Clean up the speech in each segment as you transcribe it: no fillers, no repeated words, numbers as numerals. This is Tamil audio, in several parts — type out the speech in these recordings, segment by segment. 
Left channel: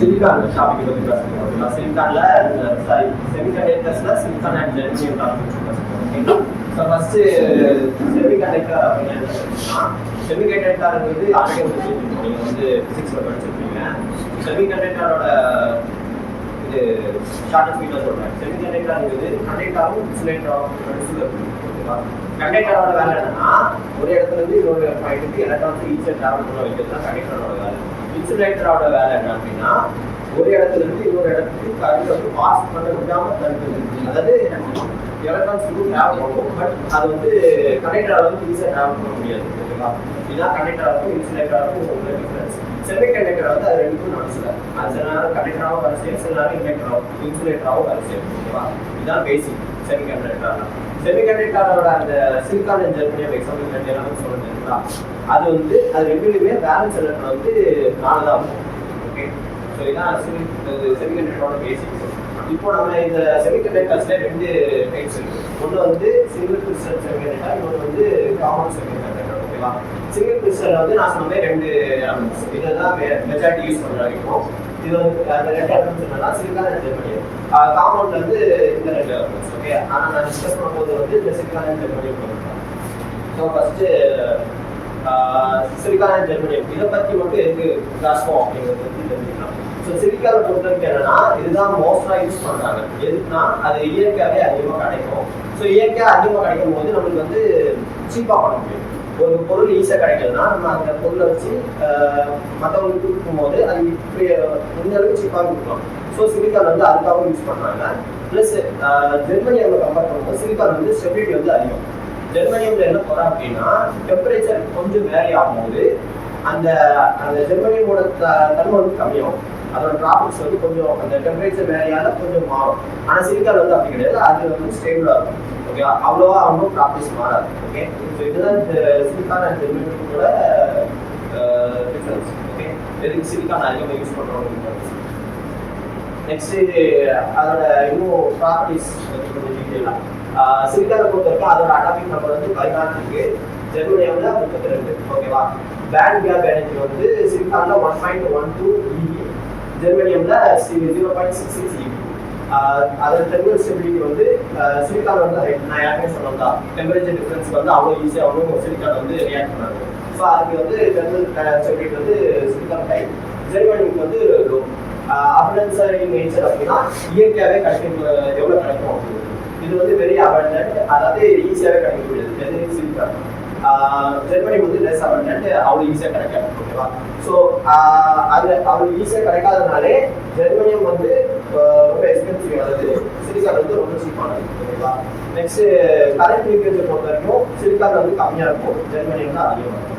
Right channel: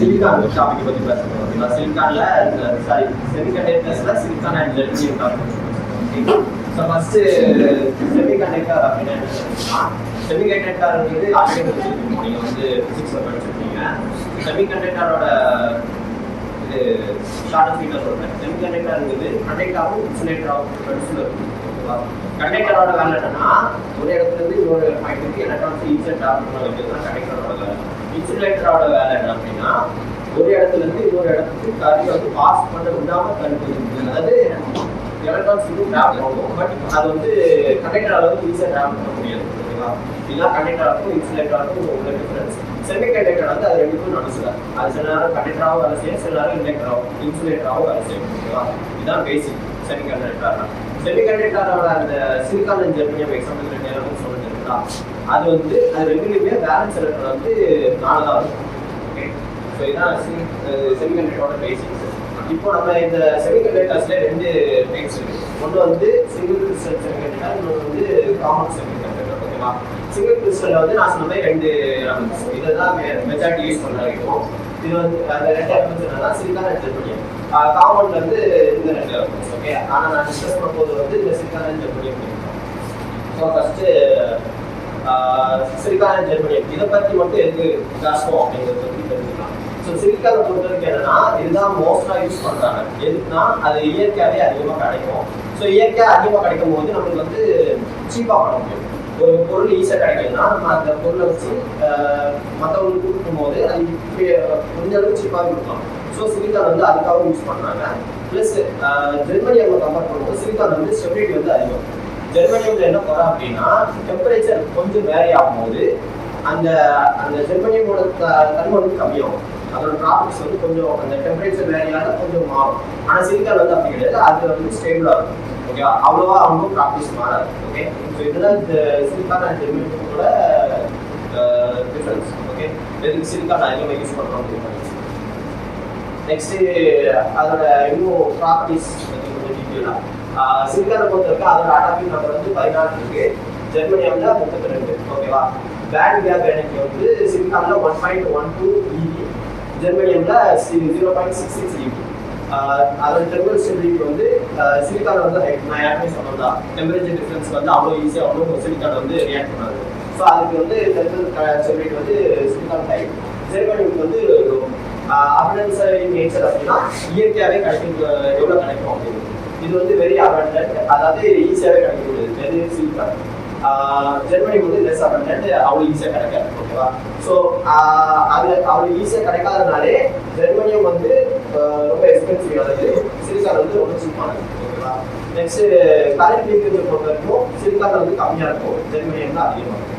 சிலிக்கான் ஷாப்பிங் பற்றி பேசணும் அப்படின்னா சிலிக்கான்ல சாரி செமிகண்டக்டர்ஸ்ல silicon and germanium topic. So first semiconductor அப்படின்னா செமிகண்டக்டர் வந்து ஆல்ரெடி வச்சிருக்கீங்க, நீங்கள் வந்து பிசிக்ஸ் படிச்சிருக்கீங்க. செமிகண்டக்டரோட இது ஷார்ட் ஸ்பீக்கர் சொல்கிறேன். செமிகண்டக்டர்ங்கிறது கண்டக்டராகவும் இன்சுலேட்டராகவும் ஓகேவா. கண்டக்டரோட வேலை என்னன்னா ஒரு இடத்துல இருந்து இன்னொரு பாயிண்ட்டுக்கு எலக்ட்ரான்ஸ் ஈஸியாக ட்ராவல் பண்ண வைக்கிறது தான் கண்டக்டரோட வேலை. இன்சுலேட்டரோட வேலை என்ன அப்படின்னா ஒரு இடத்துல இருந்து இன்னொரு இடத்துக்கு கரண்ட் வந்து பாஸ் பண்ண விடாம தடுக்குது. அதாவது எலக்ட்ரான்ஸ் இன்னும் ட்ராவல் ஆகும், பட் அது வந்து கண்டக்டரால் வந்து ஈஸியாக ட்ராவல் பண்ண முடியாது ஓகேவா. இதுதான் கண்டக்டராகும் இன்சுலேட்டராகும் உள்ள டிஃபரன்ஸ். செமி கண்டக்டர் வந்து அது ரெண்டுக்கும் நடக்கல. அது சில நேரம் கண்டக்டராகவும் வேலை செய்யும், சில நேரம் இன்டக்டராகவும் இன்சுலேட்டராகவும் வேலை செய்யும் ஓகேவா. இதுதான் பேசிக் செமி கண்டக்டர். செமி கண்டக்டரோட அந்த சிலிக்கான் அண்ட் ஜெர்மனியம் எக்ஸாம்பிள் சொல்லுங்களா, அது வந்து அது ரெண்டுலையுமே பேலன்ஸ் எலக்ட்ரான் வந்து 4 தான் இருக்கும் ஓகே. ஸோ இதுதான் செமிகண்டக்டரோட பேசிக்ஸ். இப்போ நம்ம இந்த செமிகண்டக்டர்ஸ்ல 2 டைப்ஸ் இருக்கு. ஒன்று வந்து சிங்கிள் கிறிஸ்டல் செமிகண்டக்டர், இன்னொன்று வந்து காமன் செமிகண்டக்டர் ஓகேவா. சிங்கிள் கிறிஸ்டல் வந்து நான் சொன்ன மாதிரி 2 எலமெண்ட்ஸ், இதை தான் மெஜாரிட்டி யூஸ் பண்ணுறோம். இது வந்து அந்த 2 எலமெண்ட்ஸ் என்னன்னா சிலிக்கான் அண்ட் ஜெர்மனியம். காமன்ல வந்து இந்த 2 எலமெண்ட்ஸ் ஓகே. ஆனால் நான் டிஸ்கஸ் பண்ணும்போது வந்து இந்த சிலிக்கான் அண்ட் ஜெர்மனியம் பண்ணிருக்கேன். So first silicon and germanium இதை பற்றி மட்டும் எது பேசுவோம் அப்படிங்கிறது பற்றி தெரிஞ்சுக்கலாம். ஸோ சிலிக்கானை பொறுத்தவரைக்கும் என்னன்னா இதுதான் மோஸ்டாக யூஸ் பண்ணுறாங்க. எதுக்குன்னா அது இயற்கையாகவே அதிகமாக கிடைக்கும். ஸோ இயற்கையாக அதிகமாக கிடைக்கும் போது நம்மளுக்கு வந்து சீப்பாக பண்ண முடியும். ஒரு பொருள் ஈஸியாக கிடைக்குதுன்னா நம்ம அந்த பொருளை வச்சு மற்றவங்களுக்கு கொடுக்கும் போது அது இப்படி கொஞ்சம் அளவுக்கு சீப்பாக கொடுக்கலாம். ஸோ சிலிக்கான் வந்து அதுக்காக யூஸ் பண்ணுறாங்க. ப்ளஸ் ஜெர்மனியம் கம்பேர் பண்ணும்போது சிலிக்கான் வந்து ஸ்டெபிலிட்டி வந்து அதிகம். ஜெர்மனியம்ல என்ன போறா அப்படின்னா டெம்பரேச்சர் கொஞ்சம் வேரி ஆகும்போது அந்த அந்த ஜெர்மனியமோட தன்மை வந்து கம்மியாகும். அதோட ப்ராப்பர்ட்டிஸ் வந்து கொஞ்சம் அந்த டெம்பரேச்சர் வேரியால கொஞ்சம் மாறும். ஆனால் சிலிக்கான் வந்து அப்படி கிடையாது, அது வந்து ஸ்டேபிளா இருக்கும் ஓகேவா. அவ்வளோவா அவங்க ப்ராப்பர்ட்டிஸ் மாறாது ஓகே. ஸோ இதுதான் இந்த சிலிக்கான் அண்ட் ஜெர்மனியமோட டிஃபரன்ஸ் ஓகே. எதுக்கு சிலிக்கான் அதிகமாக யூஸ் பண்ணுறோம் அப்படின்னு. நெக்ஸ்ட் அதோட இன்னும் ப்ராப்பர்ட்டிஸ் வந்து கொஞ்சம் டீட்டெயிலாக சிலிக்கானை பொறுத்தவரைக்கும் அதோட அட்டாமிக் நம்பர் வந்து 14 இருக்கு, ஜெர்மனியம்ல 32 ஓகேவா. பேண்ட் கேப் எனர்ஜி வந்து சிலிக்கான்ல 1.12 eV, ஜெர்மனியம்ல 0.66 eV. அதோட தெர்மல் ஸ்டெபிலிட்டி வந்து சிலிக்கான் வந்து நான் யாருமே சொன்னதா டெம்பரேச்சர் டிஃபரன்ஸ்க்கு வந்து அவ்வளோ ஈஸியாக அவ்வளோ சிலிக்கான் வந்து ரியாக்ட் பண்ணாது. ஸோ அதுக்கு வந்து தெர்மல் ஸ்டெபிலிட்டி வந்து சிலிக்கான் ஹை, ஜெர்மனியம்க்கு வந்து லோ. அபண்டன்ஸ் நேச்சர் அப்படின்னா இயற்கையாகவே கிடைக்கும், எவ்வளோ கிடைக்கும் அப்படின்னு. இது வந்து வெரி அபண்டன்ட், அதாவது ஈஸியாகவே கிடைக்கக்கூடியது. எது சிலிக்கான். ஜெர்மனி வந்து லெஸ் அபண்டன்ட், அவ்வளோ ஈஸியாக கிடைக்காது ஓகேவா. ஸோ அது அவ்வளோ ஈஸியாக கிடைக்காதனாலே ஜெர்மனியம் வந்து ரொம்ப எக்ஸ்பென்சிவ், அதாவது சிலிக்கான் வந்து ரொம்ப சீப்பானது ஓகேவா. நெக்ஸ்ட் கரண்ட் லீக்கேஜ் பொறுத்த வரைக்கும் சிலிக்கான் வந்து கம்மியாக இருக்கும், ஜெர்மனியம் தான் அதிகமாக இருக்கும்.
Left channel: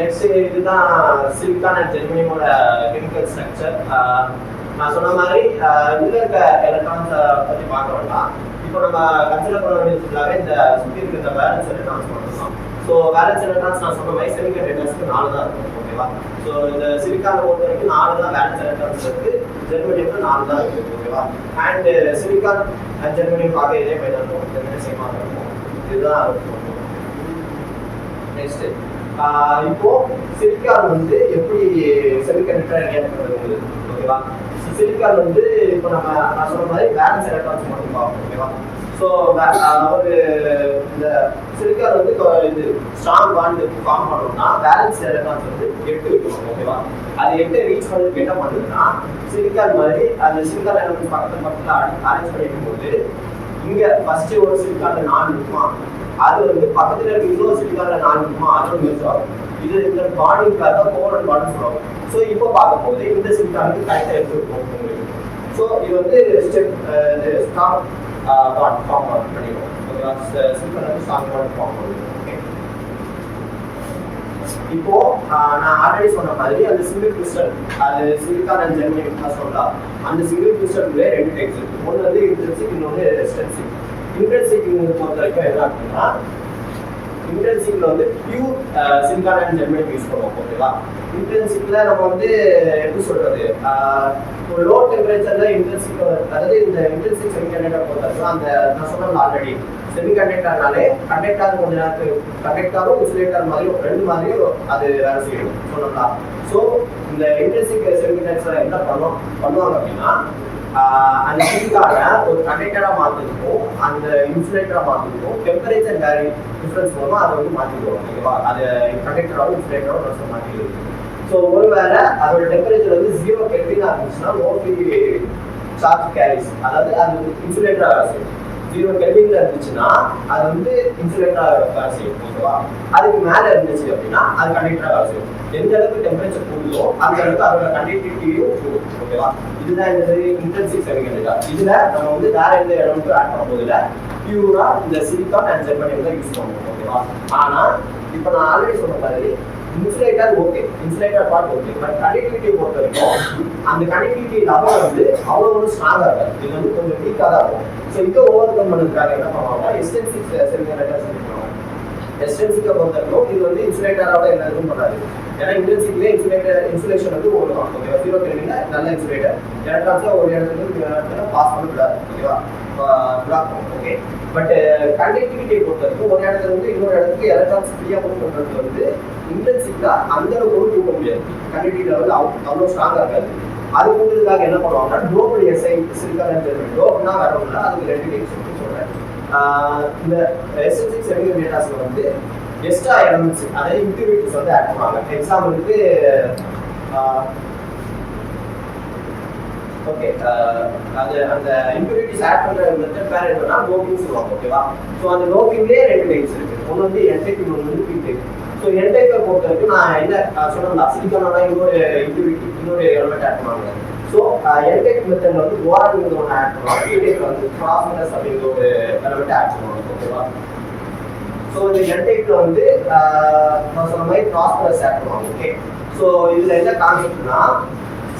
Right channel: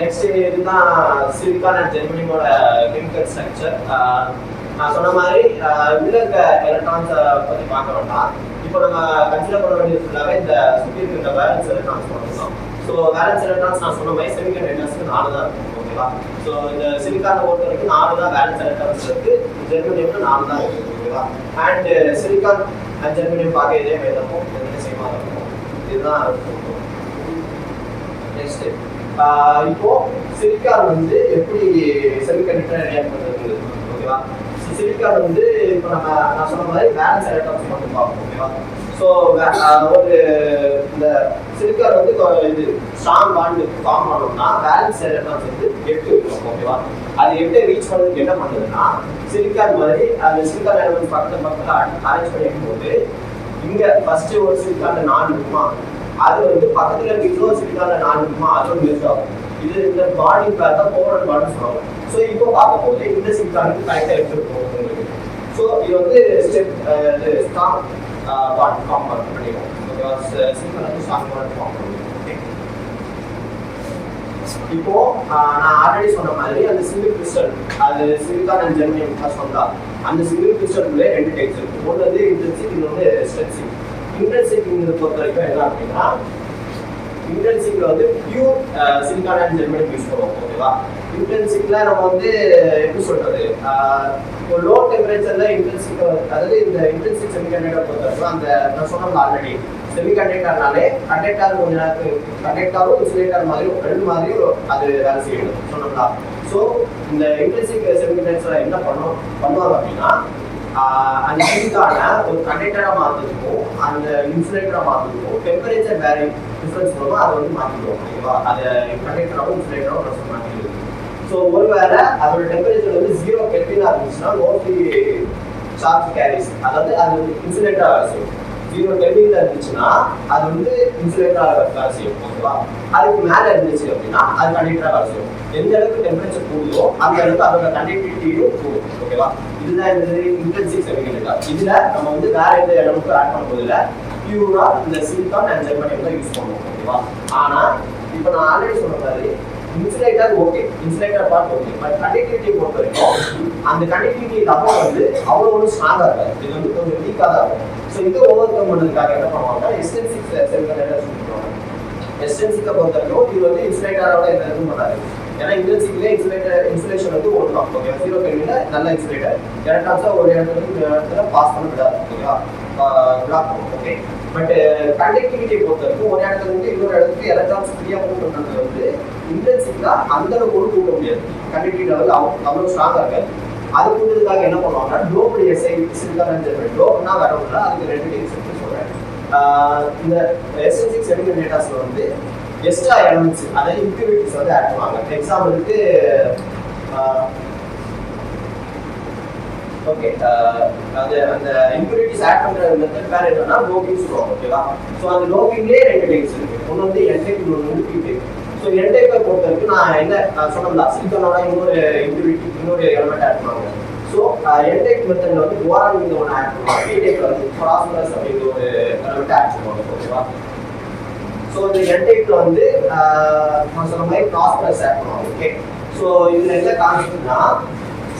நெக்ஸ்ட் இதுதான் சிலிக்கான் அண்ட் ஜெர்மனியோட கெமிக்கல் ஸ்ட்ரக்சர். நான் சொன்ன மாதிரி உள்ள இருக்க எலக்ட்ரான்ஸை பற்றி பார்க்க வேண்டாம். இப்போ நம்ம கன்சிடர் பண்ண வேண்டியது ஃபுல்லாகவே இந்த சுற்றி இருக்கிற பேலன்ஸ் எலக்ட்ரான்ஸ் பண்ணலாம். ஸோ பேலன்ஸ் எலக்ட்ரான்ஸ் நான் சொன்ன மாதிரி செமிகண்டக்டர்ஸ்க்கு 4 தான் இருக்கும் ஓகேவா. ஸோ இந்த சிலிக்கானை பொறுத்த வரைக்கும் 4 தான் பேலன்ஸ் எலக்ட்ரான்ஸ் இருக்கு, ஜெர்மனியம்ல 4 தான் இருக்கு ஓகேவா. அண்ட் சிலிக்கான் அண்ட் ஜெர்மனியம் பார்க்க இதே மாதிரி இருக்கும், ரெண்டு சேமாக இருக்கும். இதுதான் இருக்கும். நெக்ஸ்ட் இப்போ சிலிக்கான் வந்து எப்படி செமிகண்டக்டர் ரியாக்ட் பண்ணுறது ஓகேவா. சிலிக்கான் வந்து இப்போ நான் சொன்ன மாதிரி பேலன்ஸ் எலக்ட்ரான்ஸ் மட்டும் பார்ப்போம் ஓகேவா. ஸோ ஒரு இந்த சிலிக்கான் வந்து இது ஸ்ட்ராங் பாண்ட் ஃபார்ம் பண்ணோம்னா பேலன்ஸ் எலக்ட்ரான்ஸ் வந்து 8 இருக்கும் ஓகேவா. அது 8 ரீச் பண்ணதுக்கு என்ன பண்ணுதுன்னா சிலிக்கான் மாதிரி அந்த சிலிக்கான் எலமெண்ட் பக்கத்தில் அரேஞ்ச் பண்ணி வைக்கும்போது இங்கே ஃபர்ஸ்ட் ஒரு சிலிக்கான்ல 4 இருக்குமா, அது வந்து பக்கத்தில் இருக்க இன்னொரு சிலிக்கான்ல 4 இருக்குமா, அதுவும் யூஸ் ஆகும். இது இந்த பாண்டிங் பேர் தான் கோவலன்ட் பாண்ட் சொல்லுவாங்க. ஸோ இப்போ பார்க்கும் போது இந்த சிலிக்கானுக்கு கரெக்டாக எடுத்துருக்கோம். ஸோ இது வந்து ஸ்டெப் ஸ்ட்ராங் பாண்ட் ஃபார்ம் பண்ணிடுவோம் ஓகேவா. சிலிக்கான் வந்து ஸ்ட்ராங் பாண்ட் ஃபார்ம் பண்ணிடுவோம் ஓகே. இப்போ நான் ஆல்ரெடி சொன்ன மாதிரி அந்த சிங்கிள் கிறிஸ்டல், அது சிலிக்கான் அண்ட் ஜெர்மனியம் தான் சொல்லா. அந்த சிங்கிள் கிறிஸ்டல்ல 2 டைப்ஸ் இருக்கு. ஒன்று வந்து இன்ட்ரின்சிக், இன்னொன்று எக்ஸ்ட்ரின்சிக். இன்ட்ரின்சிக் பொறுத்த வரைக்கும் என்ன அப்படின்னா இன்ட்ரின்சிக்ல வந்து pure silicon and germanium use பண்ணுவோம் ஓகேவா. இன்டென்சிக்ல நம்ம வந்து எப்படி சொல்றது, லோ டெம்பரேச்சர்ல இன்டென்சிக், அதாவது இந்த இன்டென்சிக் செமிகண்டக்டர் பொறுத்தவரைக்கும் அந்த நான் சொன்னது ஆல்ரெடி செமிகண்டக்டர்னாலே கண்டக்டர் கொஞ்ச நேரத்துக்கு கண்டக்டரும் இன்சுலேட்டர் மாதிரியும் 2 மாதிரியும் அது வேலை செய்யணும் சொன்னோம்னா. ஸோ இந்த இன்ட்ரென்சிக் செமிகண்டக்டர்ஸ்ல என்ன பண்ணுவாங்க அப்படின்னா அந்த சிலிக்கான ஒரு கண்டக்டராக மாற்றுறதுக்கும் அந்த இன்சுலேட்டராக மாற்றுறதுக்கும் டெம்பரேச்சர் வேரி டிஃப்ரென்ஸ் மூலமாக அதை வந்து மாற்றிடுவோம். ஓகேவா? அதை கண்டக்டராகவும் இன்சுலேட்டராகவும் மாற்றிடுவோம். ஸோ ஒருவேளை அதோட டெம்பரேச்சர் வந்து 0 கெல்வினா இருந்துச்சுன்னா மோஸ்ட்லி சார்ஜ் கேரிஸ், அதாவது அது வந்து இன்சுலேட்டராக வேலை செய்யும். 0 கெல்வின்ல இருந்துச்சுன்னா அது வந்து இன்சுலேட்டராக வேலை செய்யும். ஓகேவா? அதுக்கு மேலே இருந்துச்சு அப்படின்னா அது கண்டக்டராக வேலை செய்யும். எந்த அளவுக்கு டெம்பரேச்சர் கூடுதோ அந்த அளவுக்கு அதோட கண்டக்டிவிட்டியும் கூடும். ஓகேவா? இதுதான் என்னது இன்ட்ரின்சிக் செமிகண்டக்டர். இதுல நம்ம வந்து வேற எந்த இடமுக்கும் ஆட் பண்ண போதில்லை, பியூரா இந்த சிலிக்கான் அண்ட் ஜெர்மனியம் தான் யூஸ் பண்ணுவோம். ஓகேவா? ஆனா இப்போ நான் ஆல்ரெடி சொன்ன மாதிரி insulator okay, insulator part okay, but conductivity பொறுத்த வரைக்கும் அந்த கண்டக்டிவிட்டி லெவல் வந்து அவ்வளோ ஒரு ஸ்ட்ராங்காக இருக்காது. இது வந்து கொஞ்சம் வீக்காக தான் இருக்கும். ஸோ இதை ஓவர் கம் பண்ணுறதுக்காக என்ன பண்ணுவாங்கன்னா எஸ்டென்சிக் செமிகண்டக்டர் சொல்லிடுவாங்க. எஸ்டென்சிக்கை பொறுத்த வரைக்கும் இது வந்து இன்சுலேட்டரோட என்ன எதுவும் பண்ணாது. ஏன்னா இன்டென்சிக்லேயே இன்சுலேஷன் வந்து ஒன்று தான். ஓகே, 0 கெல்வின்ல நல்ல இன்சுலேட்டர் எலக்ட்ரான்ஸை ஒரு இடத்துல பாஸ் பண்ண விடாது. ஓகேவா? பிளாக் பண்ணும். ஓகே, பட் கண்டக்டிவிட்டியை பொறுத்த வரைக்கும் ஒரு இடத்துல இருந்து இன்னொரு இடத்துக்கு எலக்ட்ரான்ஸ் ஃப்ரீயாக மூவ் பண்ணுறது வந்து இன்டென்சிக்கா அந்த அளவுக்கு ஒரு கூட்ட முடியாது. கண்டக்டிவிட்டி லெவல் அவ்வளோ ஸ்ட்ராங்காக இருக்காது. அது கூட்டுறதுக்காக என்ன பண்ணுவாங்கன்னா dope Si silicon and germanium. டோப்னா வரவில்லை, அதுக்கு 2 டைப்ஸ் சொல்கிறேன். இந்த எஸ்டென்சிக் செமிகண்டக்டர்ஸ்ல வந்து எக்ஸ்ட்ரா எலமெண்ட்ஸ், அதாவது இம்பியூரிட்டிஸ் வந்து ஆட் பண்ணுவாங்க. எக்ஸாம்பிளுக்கு ஓகே, அது அந்த இம்பியூரிட்டிஸ் ஆட் பண்ற மெத்தட் பேர் என்னன்னா டோப்பிங் சொல்லுவாங்க. ஓகேவா? ஸோ அந்த டோப்பிங்லேயே 2 டைப்ஸ் இருக்கு. ஒன்று வந்து என் டைப், இன்னொன்று வந்து பி டைப். ஸோ என் டைப்பை பொறுத்த வரைக்கும் நான் என்ன சொன்னேன், சிலிக்கானோட இன்னொரு இம்பியூரிட்டி இன்னொரு எலமெண்ட் ஆட் பண்ணுவாங்க. ஸோ என் டைப் மெத்தட்ல வந்து போரான் ஒன்று ஆட் பண்ணுவாங்க. பி டைப்ல வந்து பாஸ்பரஸ் அப்படிங்கிற ஒரு எலமெண்ட் ஆட் பண்ணுவாங்க. ஓகேவா? ஸோ இந்த என் டைப்ல வந்து நான் சொன்ன மாதிரி பாஸ்பரஸ் ஆட் பண்ணுவாங்க. ஓகே, ஸோ இதுல என்ன கான்செப்ட்னா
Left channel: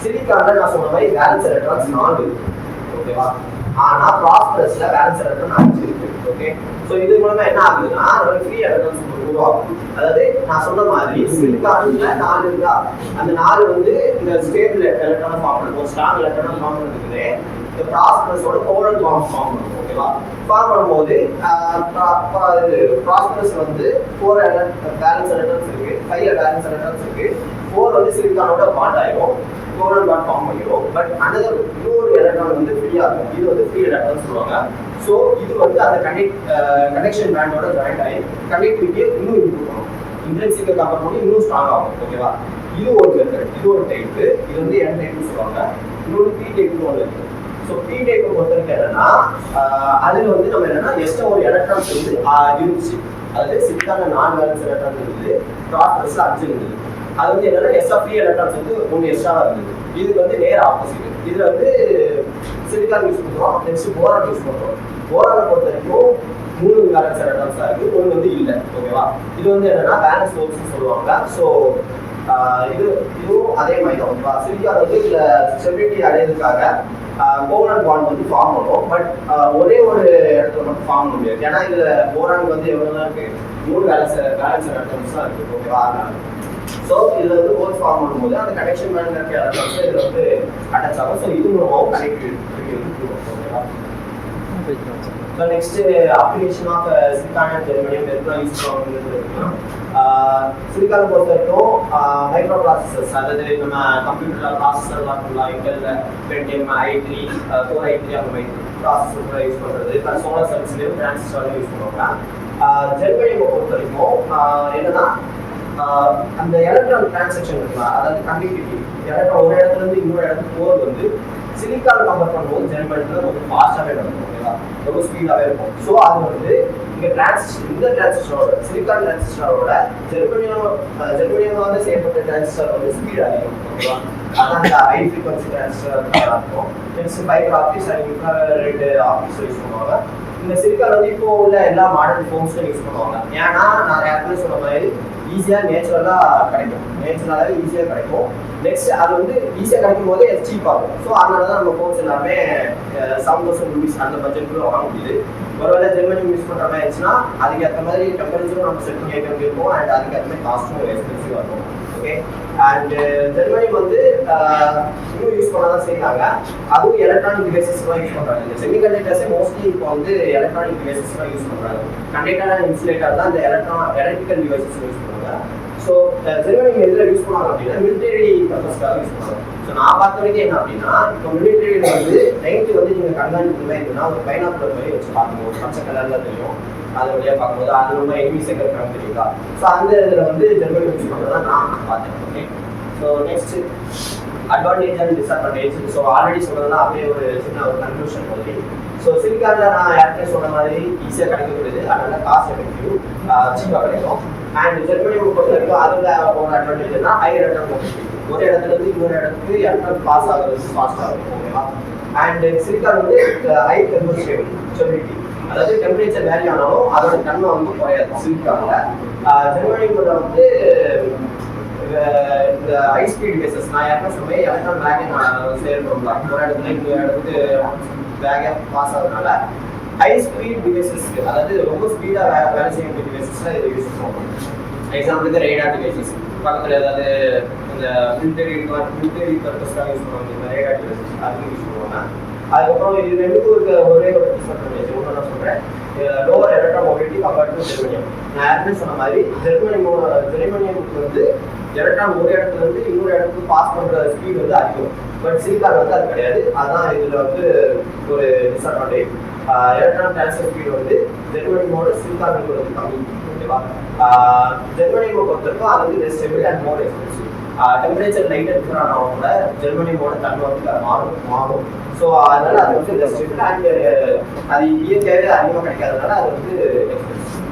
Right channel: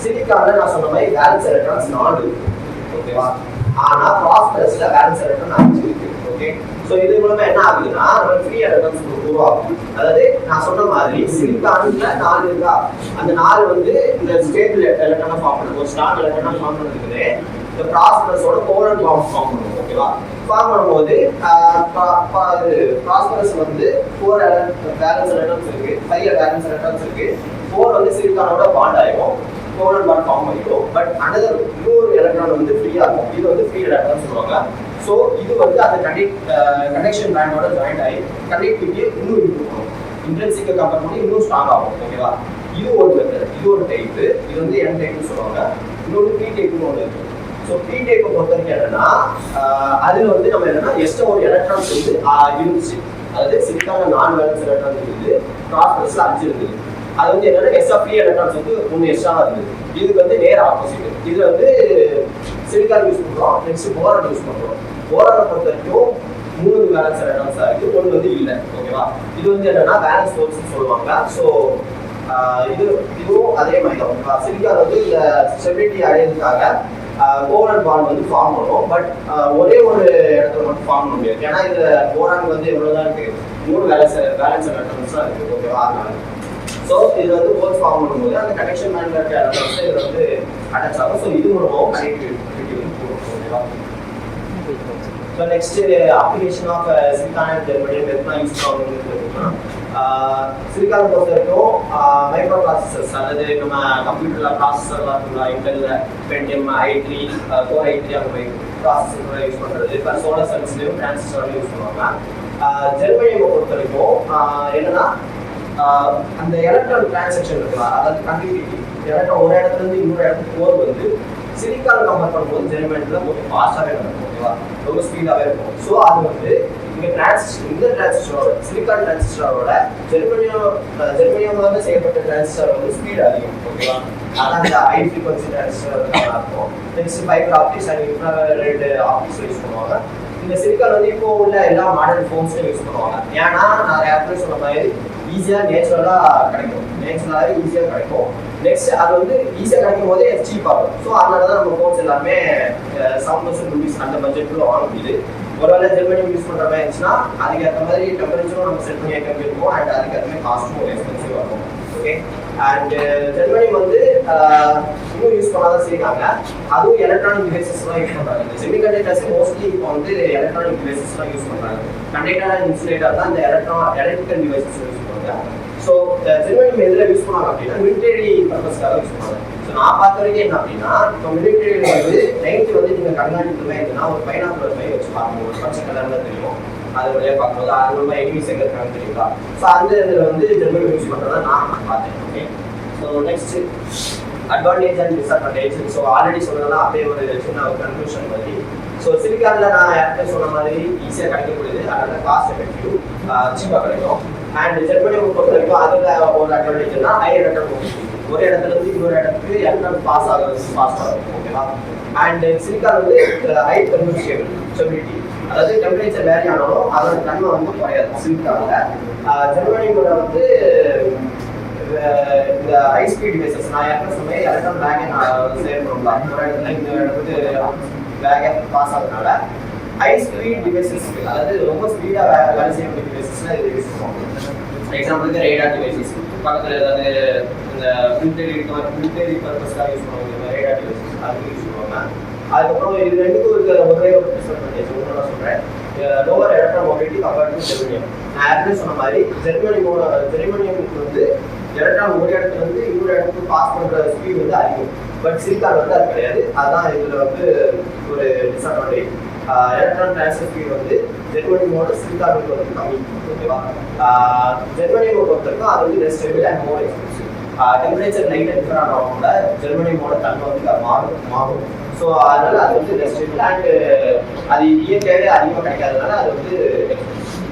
சிலிக்கான்ல நான் சொன்ன மாதிரி வேலன்ஸ் எலக்ட்ரான்ஸ் 4 இருக்கு. ஓகேவா? ஆனா பாஸ்பரஸ்ல வேலன்ஸ் எலக்ட்ரான் 5 இருக்கு. ஓகே, ஸோ இது மூலமா என்ன ஆகுதுன்னா நம்ம ஃப்ரீ எலக்ட்ரான்ஸ் உருவாகும். அதாவது நான் சொன்ன மாதிரி சிலிக்கான்ல 4 இருக்கா, அந்த 4 வந்து இந்த ஸ்டேபிள் எலக்ட்ரானை ஃபார்ம் பண்ணுது, ஒரு ஸ்ட்ராங் எலக்ட்ரானை ஃபார்ம் பண்ணுறதுக்கு இந்த பாஸ்பரஸோட கோவலன்ட் பாண்ட் ஃபார்ம் பண்ணும். ஓகேவா? ஃபார்ம் பண்ணும்போது பாஸ்பரஸ் வந்து 4 வேலன்ஸ் எலக்ட்ரான்ஸ் இருக்கு, 5 வேலன்ஸ் எலக்ட்ரான்ஸ் இருக்கு. 4 வந்து சிலிக்கானோட பாண்ட் ஆயிடும், கோவலன்ட் பாண்ட் ஃபார்ம் பண்ணிடும். பட் அனதர் இன்னொரு எலக்ட்ரான் வந்து ஃப்ரீயா இருக்கும். இது வந்து ஃப்ரீ எலக்ட்ரான் சொல்லுவாங்க. ஸோ இது வந்து அந்த கனெக்ஷன் பேண்டோட ஜாயின் ஆகி கனெக்டிவிட்டியை இன்னும் இம்ப்ரூவ் பண்ணும். இன்டென்சிக்கை கம்பேர் பண்ணி இன்னும் ஸ்ட்ராங் ஆகும். ஓகேவா? இது ஒரு மெத்தட், இது ஒரு டைப்பு. இது வந்து என் டைப்னு சொல்லுவாங்க. இன்னொரு பி டைப்னு ஒன்று இருக்கு. ஸோ பி டைப்பை பொறுத்த வரைக்கும் என்னன்னா அதில் வந்து நம்ம என்னன்னா எக்ஸ்ட்ரா ஒரு எலக்ட்ரான்ஸ் வந்து இருந்துச்சு. அதாவது சிலிக்கான 4 வேலன்ஸ் எலக்ட்ரான்ஸ் இருந்தது, பாஸ்பரஸ்ல 5 இருந்தது. அது வந்து என்னன்னா எக்ஸ்ட்ரா ஃப்ரீ எலக்ட்ரான்ஸ் வந்து 3 எக்ஸ்ட்ரா இருந்தது. இதுக்கு வந்து நேர் ஆப்போசிட். இதுல வந்து சிலிக்கான் யூஸ் பண்றோம், நெக்ஸ்ட் போரான் யூஸ் பண்றோம். போரானை பொறுத்த வரைக்கும் 3 வேலன்ஸ் எலக்ட்ரான்ஸ் ஆகுது, 1 வந்து இல்லை. ஓகேவா? இது வந்து என்னன்னா வேலன்ஸ் டோப்ஸ் சொல்லுவாங்க. ஸோ இதுவும் அதே மாதிரி தான். ஓகேவா? சிலிக்கான் வந்து இந்த ஸ்டெபிலிட்டி அடையிறதுக்காக கோவலன்ட் பாண்ட் வந்து ஃபார்ம் பண்ணும். பட் ஒரே ஒரு இடத்துல மட்டும் ஃபார்ம் பண்ண முடியாது. ஏன்னா இதுல போரான் வந்து எவ்வளவுதான் இருக்கு, 3 வேலன்ஸ் எலக்ட்ரான்ஸ் தான் இருக்கு. ஓகேவா? ஸோ இதுல வந்து போத் ஃபார்ம் பண்ணும்போது அந்த கனெக்ஷன் பேண்ட்ல இருக்க எலக்ட்ரான்ஸ் இதுல வந்து அட்டாச் ஆகும். ஸோ இது மூலமாகவும் கனெக்டிவிட்டி இருக்கும். ஓகேவா? So next application of silicon and germanium எதுலாம் யூஸ் பண்ணுவாங்க. சிலிக்கானை பொறுத்த வரைக்கும் மைக்ரோ ப்ராசஸர்ஸ், அதாவது நம்ம கம்ப்யூட்டர்ல ப்ராசஸர்லாம் இருக்கலாம். இன்டெல்ல பென்டியம் i3 கோர் i3 அந்த மாதிரி ப்ராசஸர் யூஸ் பண்றது. இப்போ சோலார் செல்ஸ்லையும் டிரான்சிஸ்டர்லையும் யூஸ் பண்ணுவாங்க. ஜெர்மனியம் பொறுத்த வரைக்கும் என்னன்னா அந்த எலக்ட்ரான் டிரான்சாக்ஷன் இருக்கலாம், அதாவது கண்டினியூட்டி எலக்ட்ரான் ஒரு இடத்துல இருந்து இன்னொரு இடத்துக்கு போகிறது வந்து சிலிக்கான் கம்பேர் பண்ணும்போது ஜெர்மனியத்தில் கொஞ்சம் ஃபாஸ்ட்டாகவே நடக்கும். ஓகேவா? ரொம்ப ஸ்பீடாகவே இருக்கும். ஸோ அது வந்து இங்கே இந்த டிரான்சிஸ்டரோட சிலிக்கான் டிரான்சிஸ்டரோட ஜெர்மனியமாக செய்யப்பட்ட டிரான்சிஸ்டர் வந்து ஸ்பீட் அதிகம். ஓகேவா? அதான் அந்த ஹை ஃப்ரீக்வன்சி டிரான்சிஸ்டர் இருக்கும். Next fibre optics and infrared optics use பண்ணுவாங்க. இந்த சிலிக்கான் வந்து இப்போ உள்ள எல்லா மாடர்ன் ஃபோன்ஸ்லையும் யூஸ் பண்ணுவாங்க. ஏன்னா நான் ஏற்கனவே சொன்ன மாதிரி ஈஸியாக நேச்சுரலாக கிடைக்கும், நேச்சுரலாகவே ஈஸியாக கிடைக்கும். நெக்ஸ்ட் அது வந்து ஈஸியாக கிடைக்கும் போதே சீப் ஆகும். ஸோ அதனால தான் நம்ம ஃபோன்ஸ் எல்லாமே 7,000 rupees அந்த பட்ஜெட்டுக்குள்ள வாங்க முடியுது. ஒருவேளை ஜெர்மனியம் யூஸ் பண்ணுற மாதிரி இருந்துச்சுன்னா அதுக்கேற்ற மாதிரி டெம்பரேச்சரும் நம்ம செட் பண்ணி ஏற்க இருக்கும் அண்ட் அதுக்கேற்ற மாதிரி காஸ்ட்டும் எக்ஸ்பென்சிவாக இருக்கும். ஓகே, அண்ட் ஜெர்மனியம் வந்து இன்னும் யூஸ் பண்ண தான் செய்யறாங்க. அதுவும் எலக்ட்ரானிக் டிவைசஸ்லாம் யூஸ் பண்ணுறாங்க. இந்த செமிகண்டக்டர்ஸே மோஸ்ட்லி இப்போ வந்து எலக்ட்ரானிக் டிவைசஸ்லாம் யூஸ் பண்ணுறாங்க. கண்டக்டர் அண்ட் இன்சுலேட்டர் தான் இந்த எலக்ட்ரிக்கல் டிவைசஸ் யூஸ் பண்ணுறாங்க. ஸோ ஸோ ஜெர்மனியம் எதில் யூஸ் பண்ணுவாங்க அப்படின்னா மிலிட்டரி பர்பஸ்க்காக யூஸ் பண்ணுவாங்க. ஸோ நான் பார்த்த வரைக்கும் என்ன அப்படின்னா இப்போ மிலிட்டரியில் வந்து நைட்டு வந்து நீங்கள் கண்காணிப்பு இருந்ததுன்னா ஒரு பைனாக்குலர் மாதிரி வச்சு பார்க்கணும். ஒரு பச்சை கலரில் தெரியும், அது வழியாக பார்க்கும்போது அது ரொம்ப எனிமீஸ் எங்கே இருக்காங்க தெரியுங்களா. ஸோ அந்த இதில் வந்து ஜெர்மனியம் யூஸ் பண்ணுறதா நான் பார்த்தேன். Okay, so next advantage and disadvantage. So already சொன்னதெல்லாம் அப்படியே ஒரு சின்ன ஒரு கன்க்ளூஷன் மாதிரி. ஸோ சிலிக்கானில் நான் ஏற்கனவே சொன்ன மாதிரி ஈஸியாக கிடைக்கக்கூடியது, அதனால காஸ்ட் எஃபெக்டிவ், சீப்பாக கிடைக்கும். அண்ட் ஜெர்மனியை பொறுத்த வரைக்கும் அதில் ஒரு அட்வான்டேஜ்னா ஹையர் அட்டம் போட்டு ஒரு இடத்துல இருந்து இன்னொரு இடத்துக்கு எலக்ட்ரான் பாஸ் ஆகிறது ஃபாஸ்ட்டாக இருக்கும். ஓகேவா. அண்ட் சிலிக்கான் வந்து ஹை தெர்மல் ஸ்டெபிலிட்டி, அதாவது டெம்பரேச்சர் வேரி ஆனாலும் அதோட தன்மை வந்து குறையாது சிலிக்கானில். ஜெர்மனியில் வந்து இந்த ஹை ஸ்பீட் டிவைசஸ் நான் யாருக்கும் சொன்னேன், எலக்ட்ரான் பேக்கை நான் சேர்க்கணும்ல ஒரு இடத்துல இந்த இடத்துக்கு பேக்கை பாஸ் ஆகிறதுனால ஹை ஸ்பீட் டிவைசஸ், அதாவது ரொம்ப ஸ்பீடாக வேலை செய்யக்கூடிய டிவைசஸ்லாம் இது யூஸ் பண்ணுவோம். எக்ஸாம்பிளுக்கு ரேடார் டிவைசஸ், பக்கத்தில் ஏதாவது இந்த மிலிட்டரி பர்பஸ்க்காக யூஸ் பண்ணுவாங்க ரேடார் டிவைசஸ், அதுக்கு யூஸ் பண்ணுவாங்க. அதுக்கப்புறம் இது ரெண்டுக்கும் இருக்க ஒரே ஒரு டிஸ்அட்வான்டேஜ் ஒன்று நான் சொல்கிறேன், lower electron mobility compared to germanium. நான் ஏற்கனவே சொன்ன மாதிரி ஜெர்மனியமுக்கு வந்து எலக்ட்ரான் ஒரு இடத்துல இருந்து இன்னொரு இடத்துக்கு பாஸ் பண்ணுற ஸ்பீட் வந்து அதிகம். பட் சிலிக்கான் வந்து அது கிடையாது. அதுதான் இதில் வந்து ஒரு டிஸ்அட்வான்டேஜ். எலக்ட்ரான் டிரான்ஸ்ஃபர் ஸ்பீட் வந்து ஜெர்மனியோட சிலிக்கானுக்கு வந்து கம்மி. ஓகேவா. ஜெர்மனியை பொறுத்தவரைக்கும் அது வந்து less stable and more expensive. Temperature லைட்டாக டிஃபர் ஆனவங்க கூட ஜெர்மனியோட தன்மை வந்து மாறும். ஸோ அதனால அது வந்து லெஸ் ஸ்டேபிள் அண்ட் அது இயற்கையாகவே அதிகமாக கிடைக்காதனால அது வந்து எக்ஸ்பென்சிவ்.